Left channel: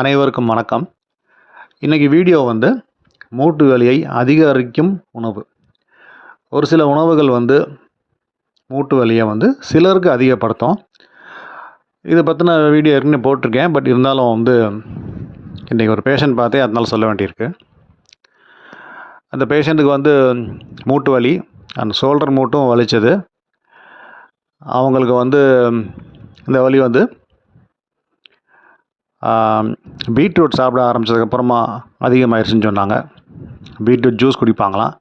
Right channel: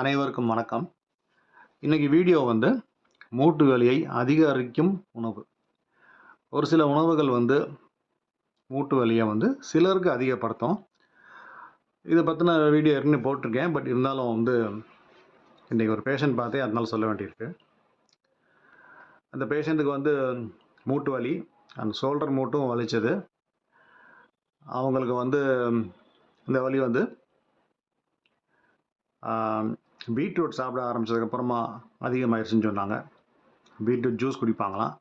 அனைவருக்கும் வணக்கம். இன்றைக்கி வீடியோ வந்து மூட்டு வலியை அதிகரிக்கும் உணவு. ஒரு சில உணவுகள் வந்து மூட்டு வலியை வந்து சிலருக்கு அதிகப்படுத்தும். இதை பற்றின வீடியோ ஏற்கனவே போட்டிருக்கேன். பட் இருந்தாலும் வந்து இன்றைக்கி ஒரு பேஷண்ட் பார்த்தே அதனால சொல்ல வேண்டியிருக்கு. அந்த பேஷண்ட்டுக்கு வந்து மூட்டு வலி, அந்த ஷோல்டர் மூட்டும் வலிச்சது. அவங்களுக்கு வந்து இந்த வலி வந்து பீட்ரூட் சாப்பிட ஆரம்பித்ததுக்கப்புறமா அதிகமாகிடுச்சுன்னு சொன்னாங்க. பீட்ரூட் ஜூஸ் குடிப்பாங்களாம்.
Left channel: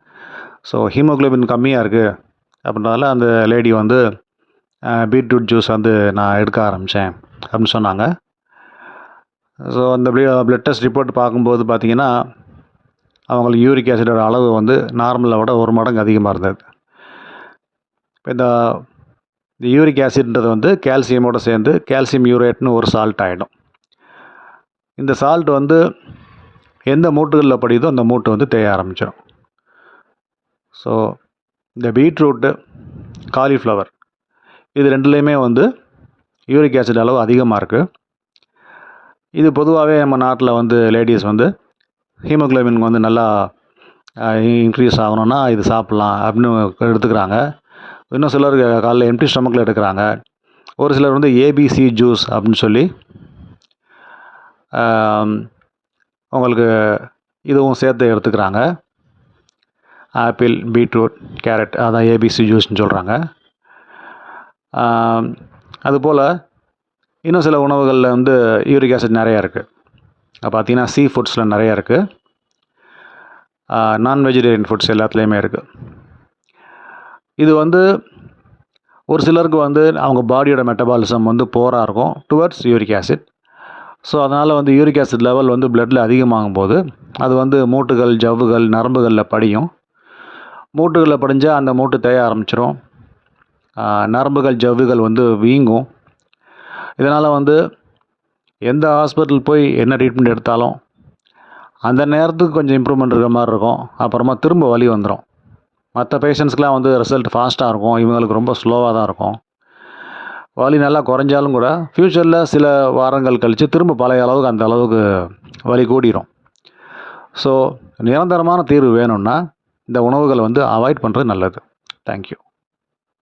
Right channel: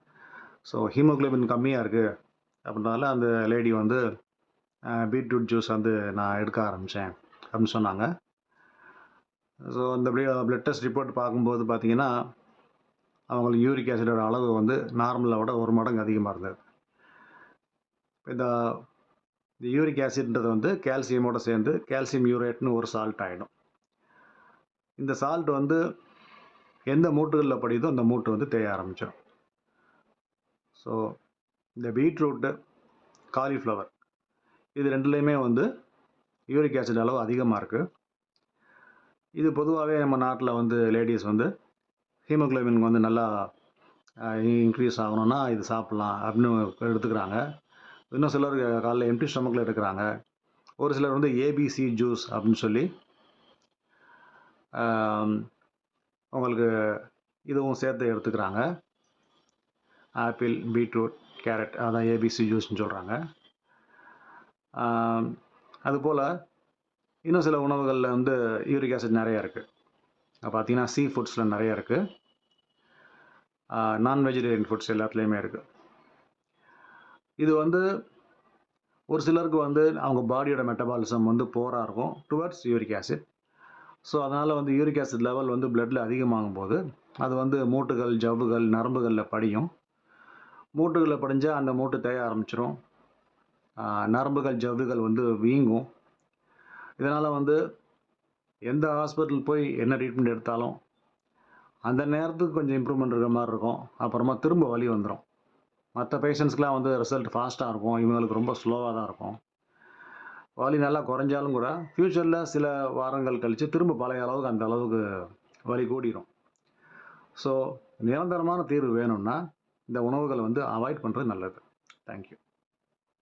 ஸோ ஹீமோக்ளோபின் கம்மியாக இருக்குது அப்படின்றதால அந்த லேடி வந்து பீட்ரூட் ஜூஸ் வந்து நான் எடுக்க ஆரம்பித்தேன் அப்படின்னு சொன்னாங்க. ஸோ அந்த பிளட் டெஸ்ட் ரிப்போர்ட் பார்க்கும்போது பார்த்திங்கன்னா அவங்களுக்கு யூரிக் ஆசிடோட அளவு வந்து நார்மலை விட 1 மடங்கு அதிகமாக இருந்தது. இந்த யூரிக் ஆசிட்ன்றது வந்து கால்சியமோடு சேர்ந்து கால்சியம் யூரேட்னு ஒரு சால்ட் ஆகிடும். இந்த சால்ட் வந்து எந்த மூட்டுகளில் படியுதோ அந்த மூட்டு வந்து தேய ஆரம்பிச்சிடும். ஸோ இந்த பீட்ரூட்டு, காலிஃப்ளவர் இது ரெண்டுலேயுமே வந்து யூரிக் ஆசிட் அளவு அதிகமாக இருக்குது. இது பொதுவாகவே நம்ம நாட்டில் வந்து லேடிஸ் வந்து ஹீமோக்ளோபின் வந்து நல்லா இன்க்ரீஸ் ஆகணும்னா இது சாப்பிட்லாம் அப்படின்னு எடுத்துக்கிறாங்க. இன்னும் சிலர் காலைல எம்டி ஸ்டொமக்கில் எடுக்கிறாங்க. ஒரு சிலர் வந்து ஏபிசி ஜூஸ் அப்படின்னு சொல்லி உங்களுக்கு இதுவும் சேர்த்து எடுத்துக்கிறாங்க. ஆப்பிள், பீட்ரூட், கேரட் அதான் ஏபிசி ஜூஸ்ன்னு சொல்கிறாங்க. அதுபோல் இன்னும் சில உணவுகளில் வந்து யூரிக் ஆசிட் நிறையா இருக்குது. பார்த்திங்கன்னா சீ ஃபுட்ஸில் நிறையா இருக்குது. நான் வெஜிடேரியன் ஃபுட்ஸ் எல்லாத்துலேயுமே இருக்குது. இது வந்து ஒரு சிலருக்கு வந்து அவங்க பாடியோட மெட்டபாலிசம் வந்து போராக இருக்கும் டுவர்ட்ஸ் யூரிக் ஆசிட். ஸோ அதனால் வந்து யூரிக் ஆசிட் லெவல் வந்து பிளட்டில் அதிகமாகும் போது அது வந்து மூட்டுகள், ஜவ்வுகள், நரம்புகளில் படியும். மூட்டுகளில் படிஞ்சால் அந்த மூட்டு தேய ஆரம்பிச்சிடும். நரம்புகள், ஜவ்வுகள் வந்து வீங்கும். இதனால் வந்து எந்த ஹாஸ்பிட்டல் போய் என்ன ட்ரீட்மெண்ட் எடுத்தாலும் அந்த நேரத்துக்கு கொஞ்சம் இம்ப்ரூவ்மெண்ட் இருக்கிற மாதிரி இருக்கும். அப்புறமா திரும்ப வலி வந்துடும். மற்ற பேஷண்ட்ஸ்க்கெலாம் வந்து ரிசல்ட் ஃபாஸ்ட்டாக இருக்கும். இவங்களுக்கு ரொம்ப ஸ்லோவாக தான் இருக்கும். வலி நல்லா குறைஞ்சாலும் கூட ஃப்யூச்சரில் சில வாரங்கள் கழித்து திரும்ப பழைய அளவுக்கு அந்த அளவுக்கு வலி கூடிரும். ஸோ நிரந்தரமான தீர்வு வேணும்னா இந்த உணவுகளை வந்து அவாய்ட் பண்ணுறது நல்லது. தேங்க்யூ.